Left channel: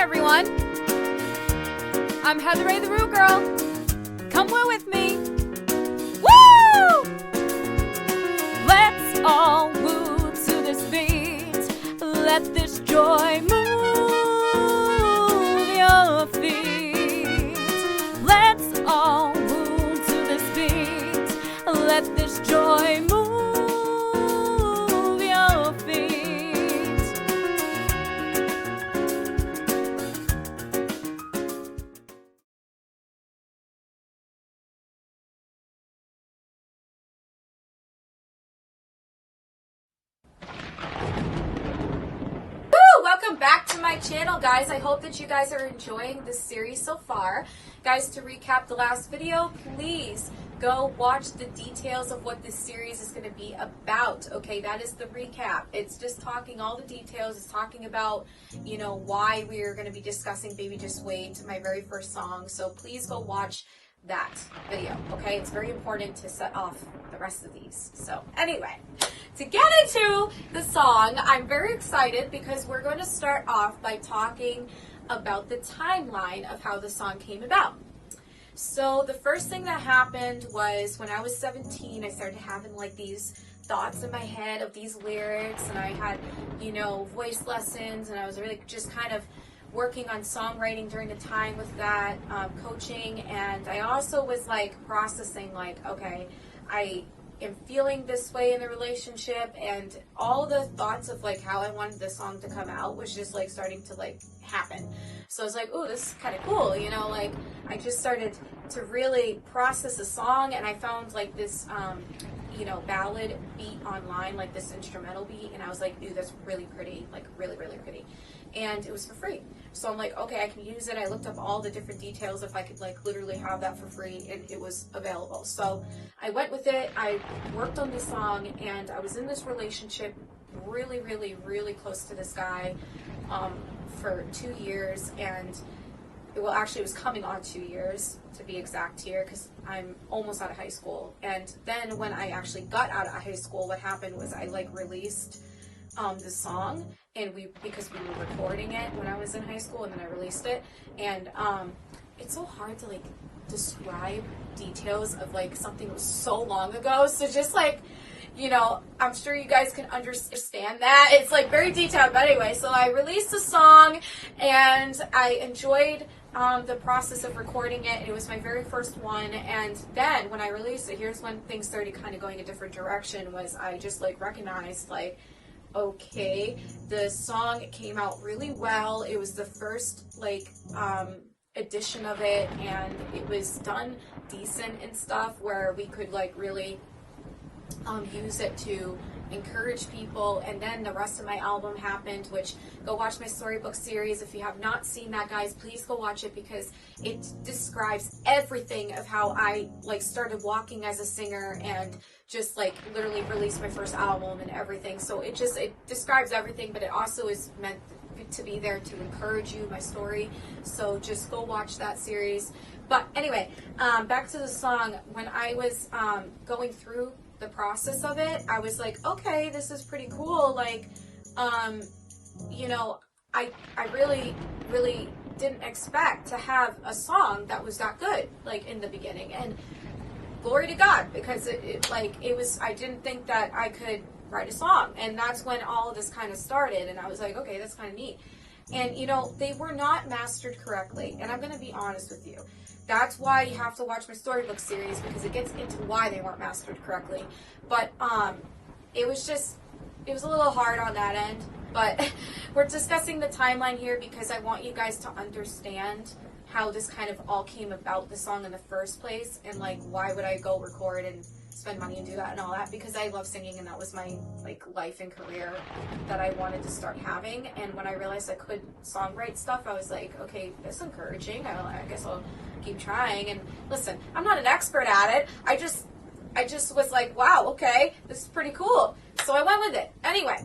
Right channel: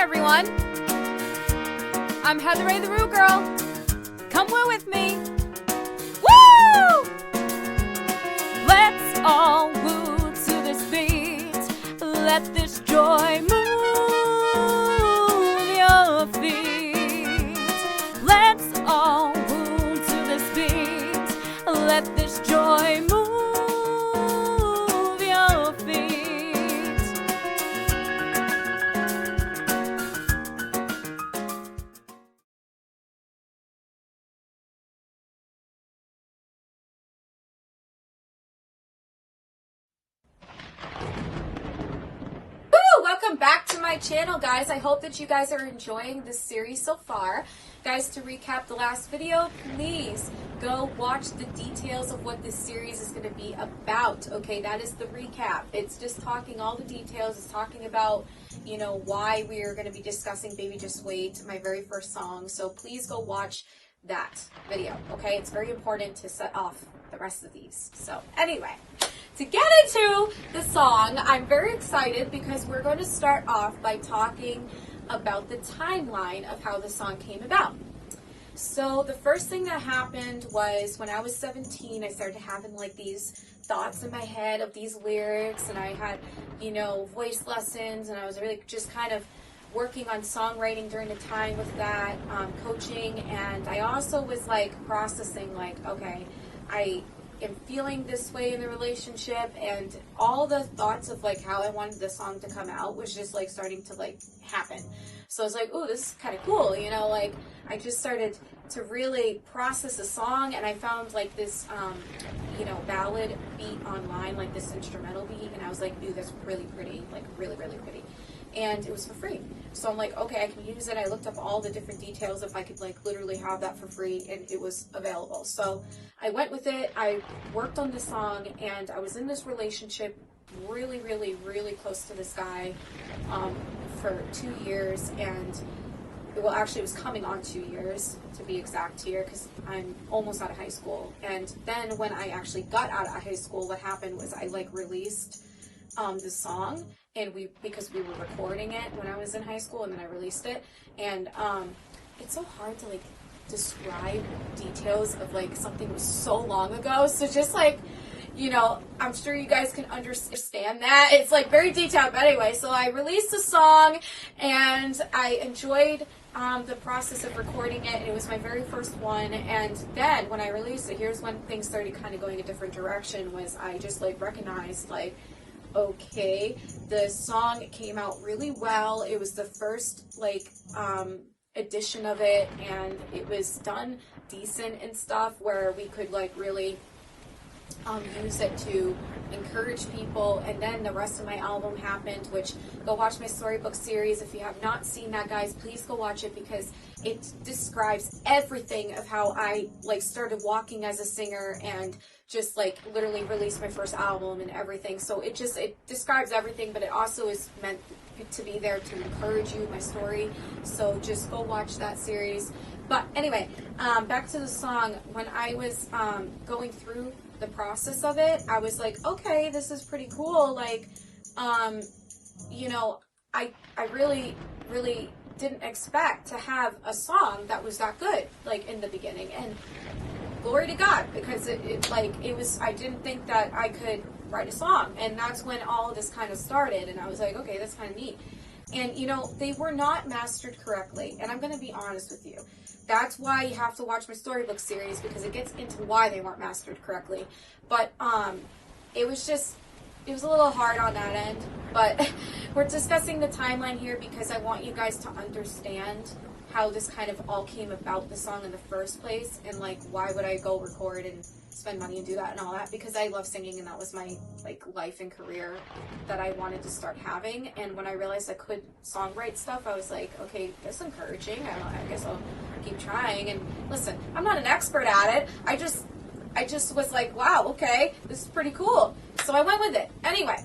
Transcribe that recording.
everyone. I'm Heather Ray the Roo Girl. Come woo with me. Woo! Let's all woo to this beat. Let this joy move your feet. Let's all woo to this beat. Let this joy move your feet. Welcome back to my channel, guys. I hope that you guys are enjoying this series so far. Guys, to recap the last video, please go watch the details of what this series is going to be about. Okay, that is the recap. It's just talking all the details. It's talking about, you know, why we are going to be discussing Baby Just Wait, my very first song. So please go watch that video, okay? It's very important to set off the rest of these. So anyway, to get into the song, I'm very excited because we're going to start off by talking about the timeline of how the song came about. So the first thing that happened was when I was 17, I started having like these thoughts in my head of these lyrics, and I had, you know, voice lessons, and I was really just kind of working on songwriting during the time with that, coaching, and I also was like processing like, okay, I am feeling this way in the relationship, and all the thoughts of like how I wanted the song to come out was just like starting to like happen. So I was like, ooh, this is kind of cool, you know, like I just started to really process a song, and I found like this, you know, ballad beat online, like this instrumental beat, and I was like, ooh, that's really pretty, like really, really pretty. And it was for free. So I'm like, okay, I can use it. I looked up all the different details if I could like literally have that for free, and it was available. So I went with it. I worked on the song, and I was in this relationship really, really, really close to this guy for 2 years, and well, actually it was coming on 2 years to be exact here, because I'm almost out of high school. And then when I actually got out of high school, what happened was I like released the song, and because we were recording it when I was in high school, and then I released it, and it's so hard to like describe details of like something was so long ago, so just like, you know, I'm sure you guys can understand that it's like very detailed. But anyway, so I released the song, and I enjoyed the process of recording it. It was my very first one, and then when I released it, here's when things started kind of going a different direction. Was I just like recognized like, okay, the song came out really well. It was the first like edition of it, and it was done decent and stuff where we could like really use it to encourage people. And then the rest of my album happened, which, go watch my storybook series. If you have not seen that, guys, please go watch it, because it describes everything of how I like started walking as a singer and just like literally released my first album and everything. So it describes everything, but it also is meant to be there to encourage you, my story. So just go watch that series. But anyway, back to the song. When I was going through the process of it, I was like, okay, this is pretty cool. Like, you know, I really, really didn't expect to have a song that was that good, like in the beginning. And glory to God, because it was, I didn't think that I could write a song. And that's when all of this kind of started. And I was like, okay, that's kind of neat. And, you know, they were not mastered correctly. And I'm going to be honest with you. That's why you have to watch my storybook series, because it gets into why they weren't mastered correctly. But it was a little hard on that end. But we're discussing the timeline here because I want you guys to understand how this kind of all came about, the song in the first place, and like why would I go record and spend money and do that and all that, because I love singing, and that was my like life and career that I wanted to start having. And when I realized I could songwrite stuff, I was like, okay, that's encouraging. I guess I'll keep trying. And listen, I'm not an expert at it. I just was like, wow, okay, this is pretty cool. So I went with it. Anyway,